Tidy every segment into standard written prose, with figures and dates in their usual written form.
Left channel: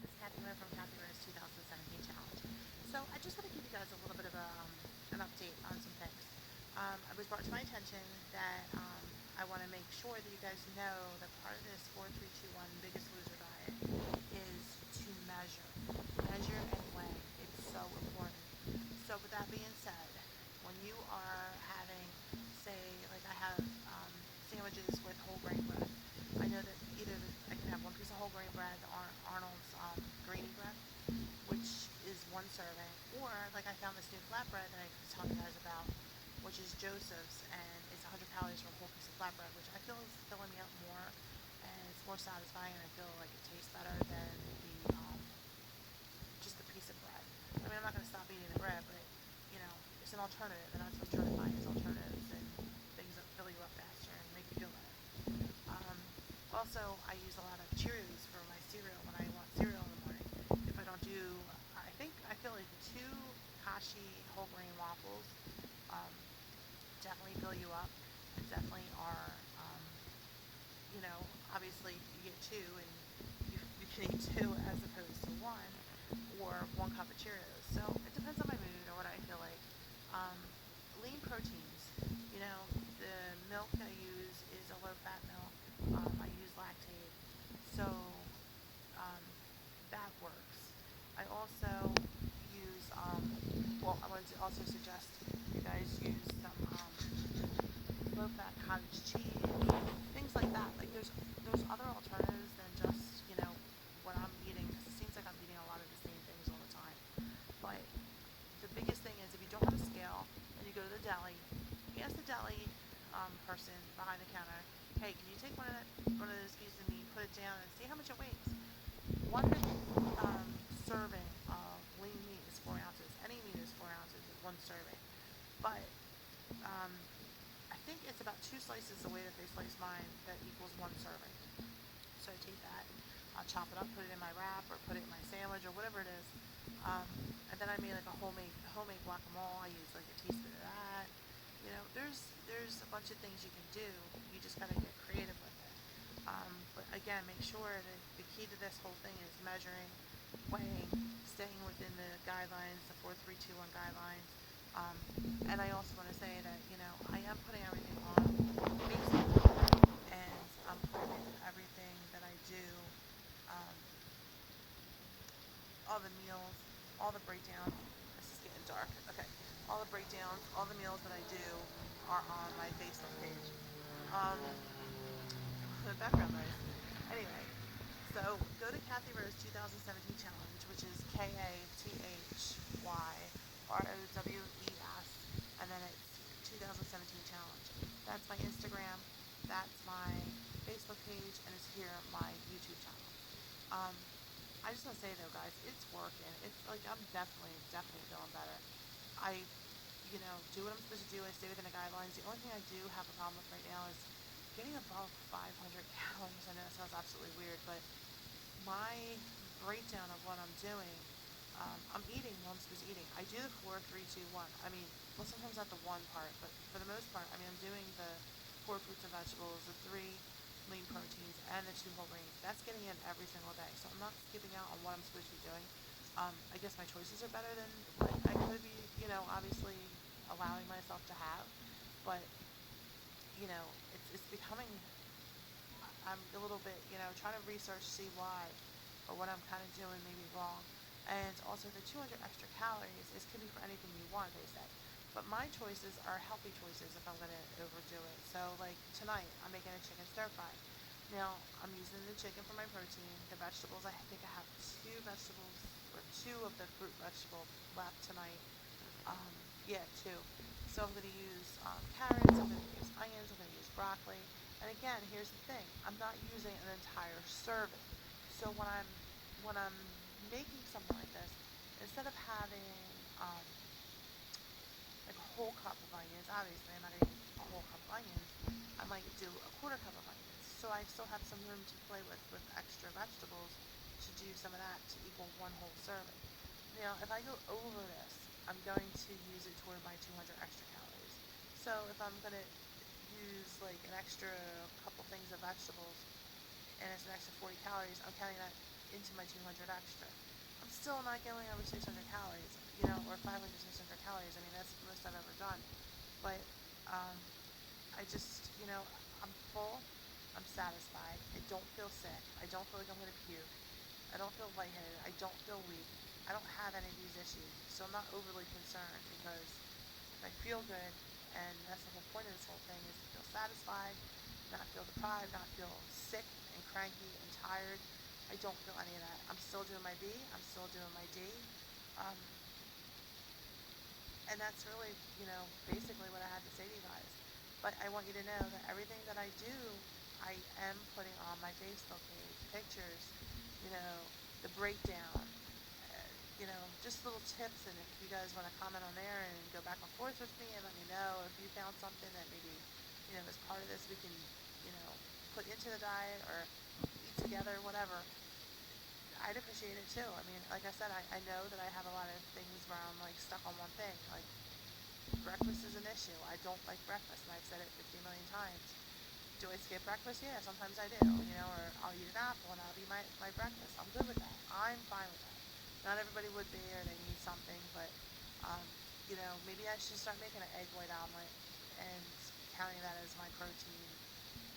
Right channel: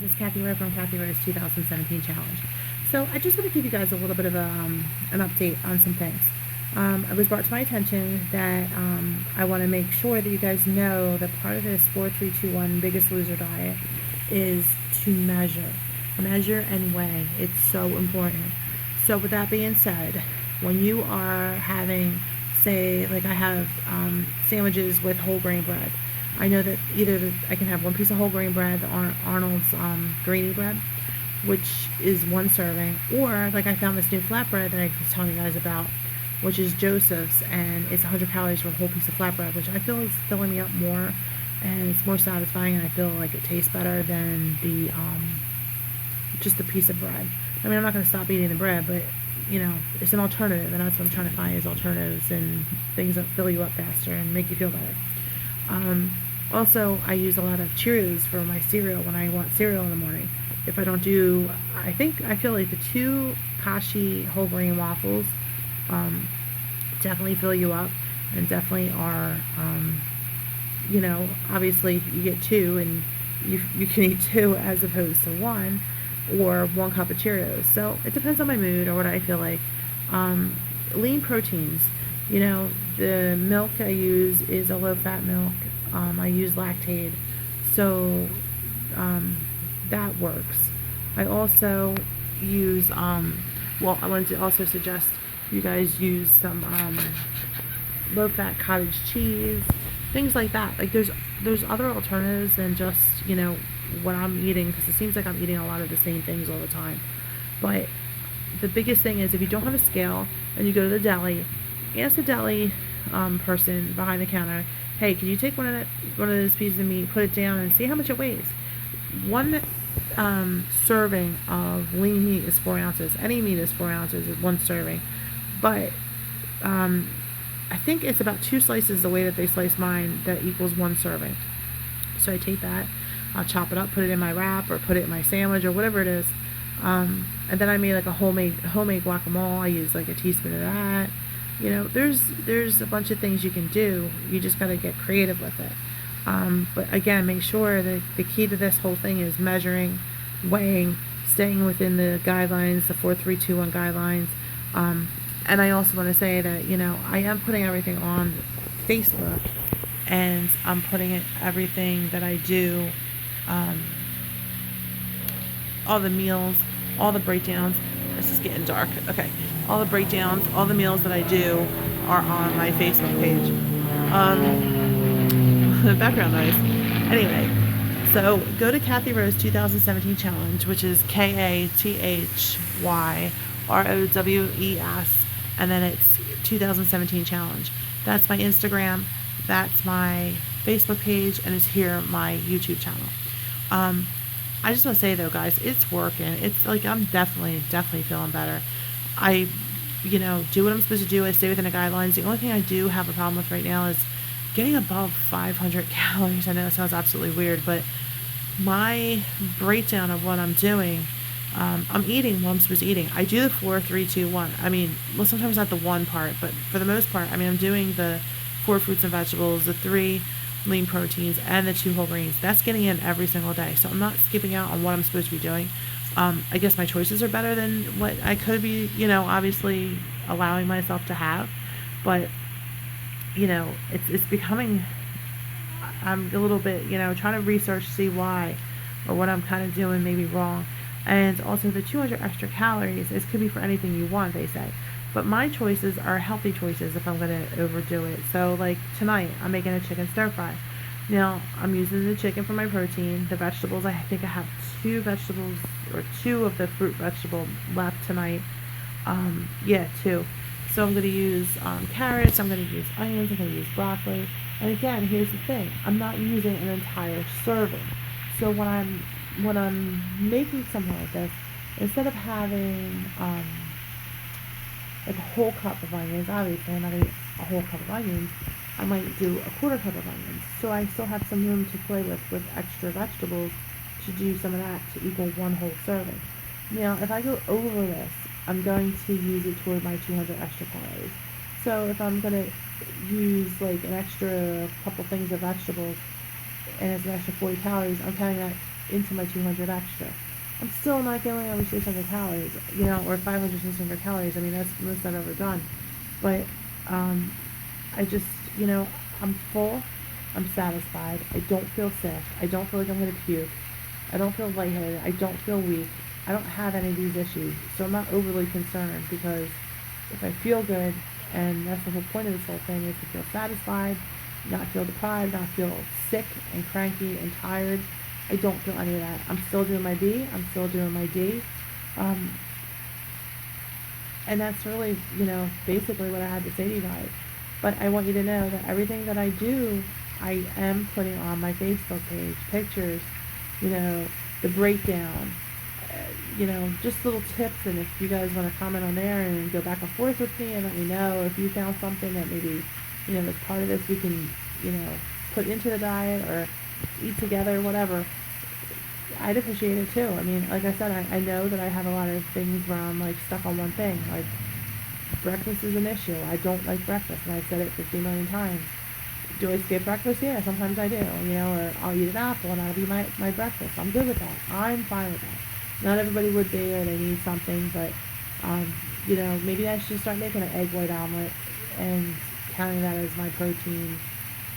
This is Kathy Rowe from Kathy Rowe's 2017 Challenge. So I just want to give you guys a little bit of an update on some things. It was brought to my attention that I want to make sure that you guys know that part of this 4-3-2-1 Biggest Loser diet is to measure and weigh. It's so important. So with that being said, when you are having, say, like I have sandwiches with whole grain bread, I know that I can have one piece of whole grain bread, Arnold's grainy bread, which is one serving, or like I found this new flatbread that I was telling you guys about, which is Joseph's, and it's 100 calories for a whole piece of flatbread, which I feel is filling me up more, and it's more satisfying, and I feel like it tastes better than the just a piece of bread. I mean, I'm not going to stop eating the bread, but it's an alternative, and that's what I'm trying to find is alternatives and things that fill you up faster and make you feel better. Also, I use a lot of Cheerios for my cereal when I want cereal in the morning. If I don't do, I feel like the two Kashi whole grain waffles definitely fill you up and definitely are, obviously you get two and you can eat two as opposed to one, or 1 cup of Cheerios. So it depends on my mood or what I feel like. Lean proteins. The milk I use is a low-fat milk. I use Lactaid, so that works. I also use, I wanted to also suggest you guys use some low-fat cottage cheese, things like that. Like there's other alternatives than just what I'm eating, because it seems like I'm eating a lot of the same things all the time. But the biggest thing is if you don't have a scale and you go to the deli, ask the deli person behind the counter, hey, can you take one of those pieces of meat, put it down, and see how much it weighs? One serving of lean meat is 4 ounces. Any meat is 4 ounces is one serving, but I think it's about 2 slices the way that they slice mine that equals 1 serving. So I take that, I'll chop it up, put it in my wrap or put it in my sandwich or whatever it is. And then I made like a homemade guacamole. I use like a teaspoon of that. There's a bunch of things you can do. You just got to get creative with it. But again, make sure that the key to this whole thing is measuring, weighing, staying within the guidelines, the 4-3-2-1 guidelines. And I also want to say that, I am putting everything on Facebook, and I'm putting everything that I do, all the meals, all the breakdowns. This is getting dark. Okay. All the breakdowns, all the meals that I do are on my Facebook page. Background noise. Anyway, so go to Kathy Rowe's 2017 Challenge, which is KATHYROWES, and then it's 2017 Challenge. That's my Instagram, that's my Facebook page, and it's here my YouTube channel. I just want to say though, guys, it's working. It's like I'm definitely feeling better. I, do what I'm supposed to do. I stay within the guidelines. The only thing I do have a problem with right now is getting above 500 calories. I know that sounds absolutely weird, but my breakdown of what I'm doing, I'm eating what I'm supposed to be eating. I do the 4-3-2-1. I mean, well, sometimes not the one part, but for the most part, I'm doing the 4 fruits and vegetables, the 3 lean proteins, and the 2 whole grains. That's getting in every single day. So I'm not skipping out on what I'm supposed to be doing. I guess my choices are better than what I could be, obviously allowing myself to have. But, it's becoming, I'm a little bit, trying to research, see why or what I'm kind of doing maybe wrong. And also the 200 extra calories, this could be for anything you want, they say. But my choices are healthy choices if I'm going to overdo it. So like tonight, I'm making a chicken stir fry. Now, I'm using the chicken for my protein. The vegetables, I think I have 2 vegetables, or 2 of the fruit vegetable left tonight. 2. So I'm going to use carrots, I'm going to use onions, I'm going to use broccoli. And again, here's the thing. I'm not using an entire serving. So when I'm making something like this, instead of having like a whole cup of onions, obviously I'm not going to eat a whole cup of onions, I might do a 1/4 cup of onions. So I still have some room to play with extra vegetables to do some of that to equal 1 whole serving. Now, if I go over this, I'm going to use it toward my 200 extra calories. So if I'm going to use like an extra couple things of vegetables and it's an extra 40 calories, I'm counting that into my 200 extra. I'm still not getting over 600 calories, you know, or 500, 600 calories. I mean, that's the most I've ever done. But um, I just, you know, I'm full. I'm satisfied. I don't feel sick. I don't feel like I'm going to puke. I don't feel lightheaded. I don't feel weak. I don't have any of these issues. So I'm not overly concerned, because if I feel good, and that's the whole point of this whole thing, is to feel satisfied, not feel deprived, not feel sick and cranky and tired. I don't feel any of that. I'm still doing my B. I'm still doing my D. Um, and that's really, you know, basically what I had to say to you guys. But I want you to know that everything that I do, I am putting on my Facebook page, pictures, you know, the breakdown, you know, just little tips. And if you guys want to comment on there and go back and forth with me and let me know if you found something that maybe, you know, as part of this we can, you know, put into the diet or eat together, whatever, I'd appreciate it too. I mean, like I said, I know that I have a lot of things where I'm like stuck on one thing. Like, breakfast is an issue. I don't like breakfast, and I've said it 50 million times. Do I skip breakfast? Yeah, sometimes I do, you know, or I'll eat an apple and that'll be my breakfast. I'm good with that. I'm fine with that. Not everybody would be, or they need something, but, you know, maybe I should start making an egg white omelet and counting that as my protein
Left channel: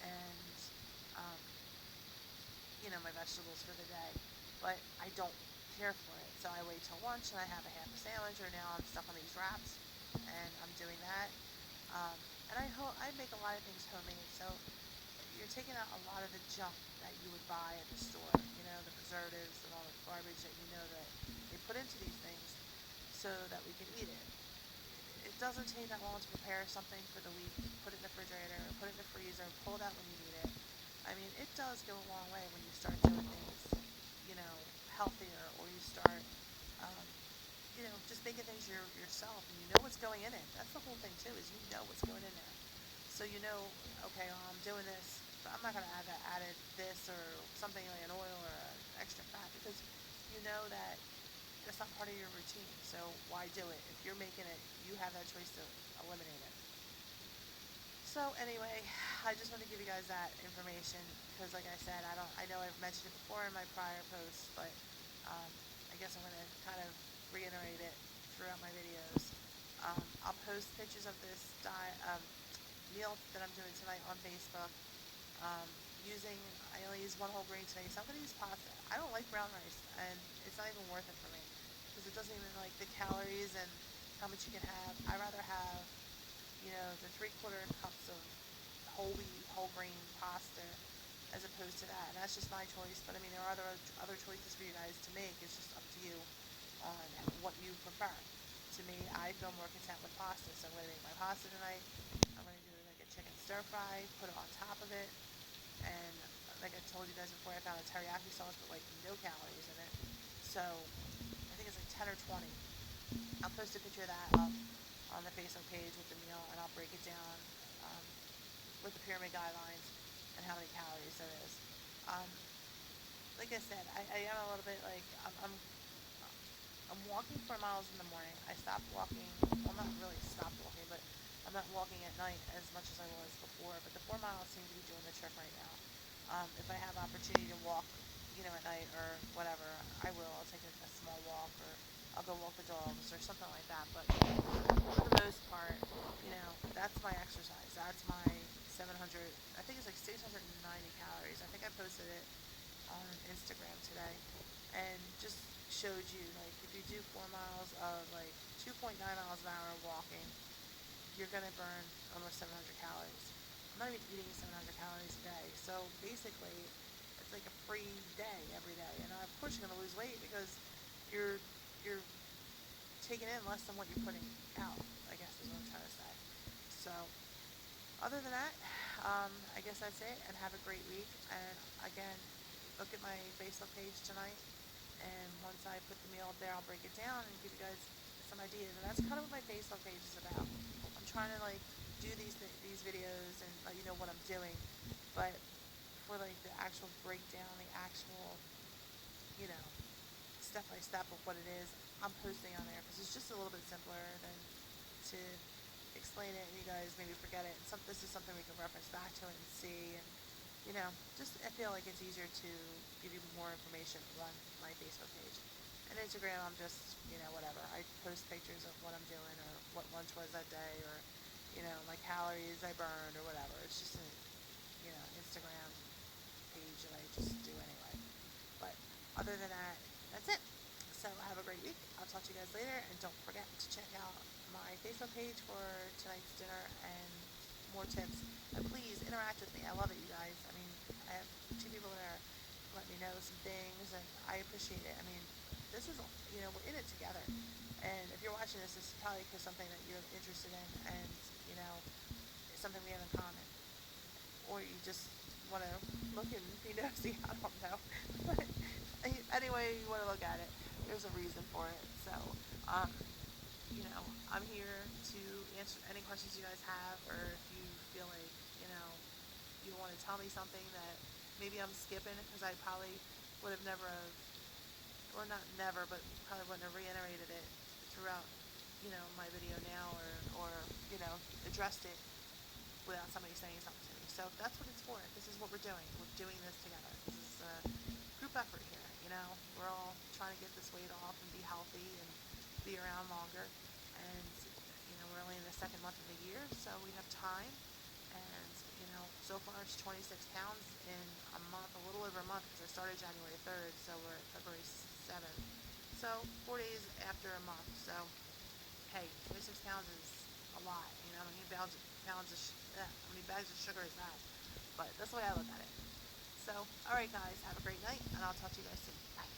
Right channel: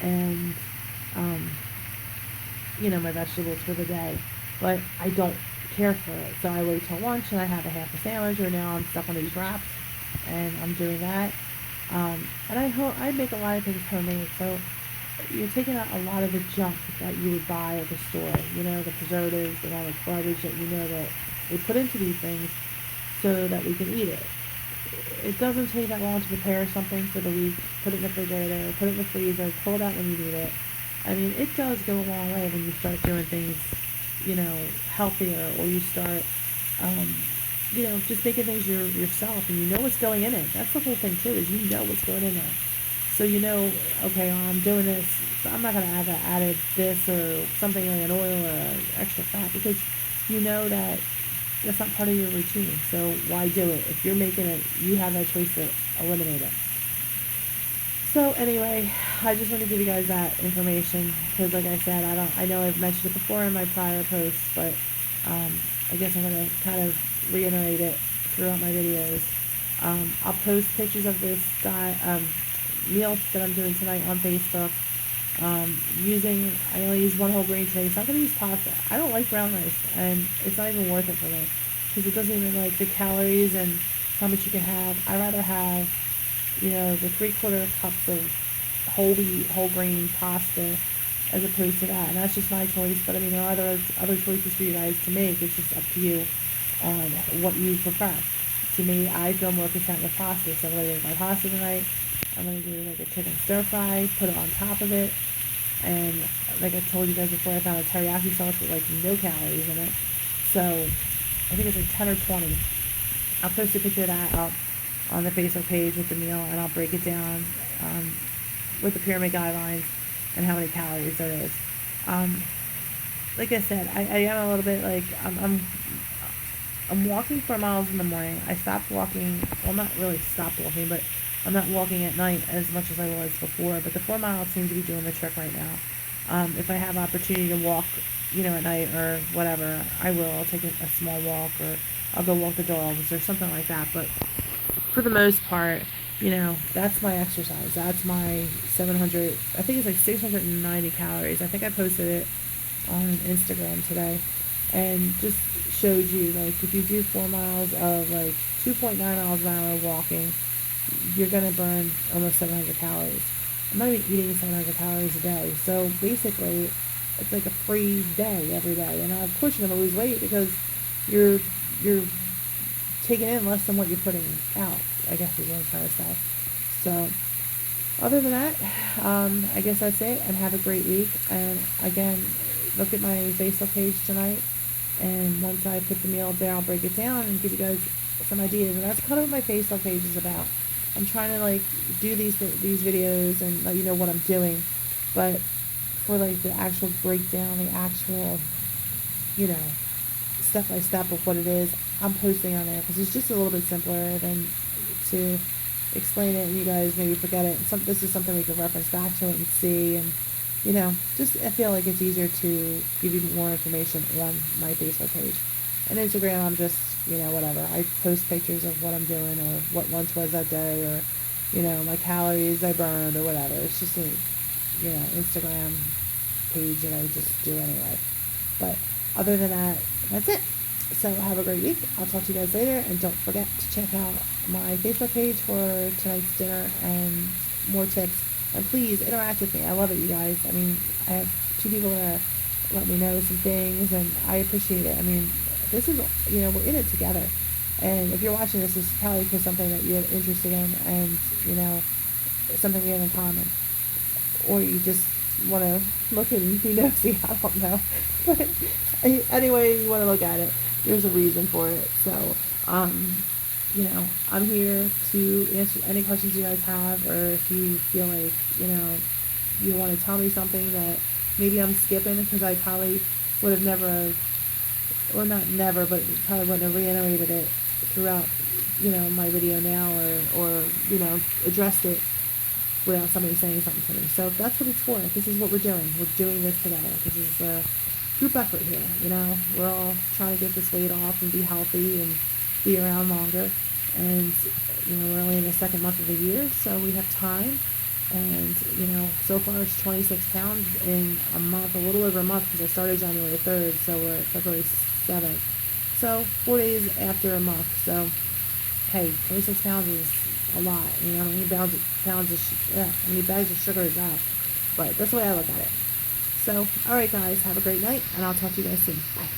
and, um, you know, my vegetables for the day. But I don't care for it. So I wait till lunch and I have a half a sandwich, or now I'm stuck on these wraps and I'm doing that. And I make a lot of things homemade, so you're taking out a lot of the junk that you would buy at the store, you know, the preservatives and all the garbage that you know that they put into these things so that we can eat it. It doesn't take that long to prepare something for the week, put it in the refrigerator, put it in the freezer, pull it out when you need it. I mean, it does go a long way when you start doing things, you know, healthier, or you start, um, you know, just making things yourself, and you know what's going in it. That's the whole thing too, is you know what's going in there. So you know, okay, I'm doing this, so I'm not gonna add that added this or something like an oil or extra fat, because you know that that's not part of your routine. So why do it? If you're making it, you have that choice to eliminate it. So anyway, I just want to give you guys that information, because, like I said, I know I've mentioned it before in my prior posts, but um, I guess I'm going to kind of reiterate it throughout my videos. I'll post pictures of this meal that I'm doing tonight on Facebook. I only use one whole grain today, so I'm going to use pasta. I don't like brown rice, and it's not even worth it for me, because it doesn't even, like, the calories and how much you can have. I rather have, you know, the 3/4 cups of whole wheat, whole grain pasta, as opposed to that. And that's just my choice. But I mean, there are other choices for you guys to make. It's just up to you on what you prefer. To me, I feel more content with pasta, so I'm gonna make my pasta tonight. I'm gonna do like a chicken stir fry, put it on top of it, and like I told you guys before, I found a teriyaki sauce with like no calories in it. So I think it's like 10 or 20. I'll post a picture of that up on the Facebook page with the meal, and I'll break it down with the pyramid guidelines and how many calories there is. Um, like I said, I am a little bit like I'm walking 4 miles in the morning. I stopped walking. Well, not really stopped walking, but I'm not walking at night as much as I was before. But the 4 miles seem to be doing the trick right now. If I have opportunity to walk, you know, at night or whatever, I will. I'll take a small walk, or I'll go walk the dogs or something like that. But for the most part, you know, that's my exercise. That's my 700, I think it's like 690 calories. I think I posted it on Instagram today, and just showed you, like, if you do 4 miles of like 2.9 miles an hour walking, you're going to burn almost 700 calories. I'm not even eating 700 calories a day. So basically, it's like a free day every day. And of course you're going to lose weight, because you're you're taking in less than what you're putting out, I guess is what I'm trying to say. So other than that, I guess that's it, and have a great week. And again, look at my Facebook page tonight, and once I put the meal up there, I'll break it down and give you guys some ideas. And that's kind of what my Facebook page is about. I'm trying to, like, do these videos and let you know what I'm doing, but for, like, the actual breakdown, the actual, you know, step by step of what it is, I'm posting on there, because it's just a little bit simpler than to explain it and you guys maybe forget it. This is something we can reference back to it and see, and just I feel like it's easier to give you more information on my Facebook page. And Instagram, I'm just, whatever. I post pictures of what I'm doing or what lunch was that day or, my calories I burned or whatever. It's just a, Instagram page that I just do anyway. But other than that, that's it. So have a great week. I'll talk to you guys later. And don't forget to check out my Facebook page for tonight's dinner and more tips. And please interact with me. I love it, you guys. I mean, I have 2 people that let me know some things, and I appreciate it. I mean, this is, we're in it together. And if you're watching this, it's probably because something that you're interested in and, something we have in common. Or you just want to look and be nosy. I don't know. But anyway, you want to look at it. There's a reason for it. So, I'm here to answer any questions you guys have, or if you feel like, you want to tell me something that maybe I'm skipping because I probably would have never, or not never, but probably wouldn't have reiterated it throughout, my video now, or addressed it without somebody saying something to me. So that's what it's for. This is what we're doing. We're doing this together. This is a group effort here. We're all trying to get this weight off and be healthy and be around longer. And, we're only in the second month of the year, so we have time. And, so far it's 26 pounds in a month, a little over a month, because I started January 3rd, so we're at February 7th. So 4 days after a month. So, hey, 26 pounds is a lot. How many how many bags of sugar is that? But that's the way I look at it. So, alright guys, have a great night, and I'll talk to you guys soon. Bye.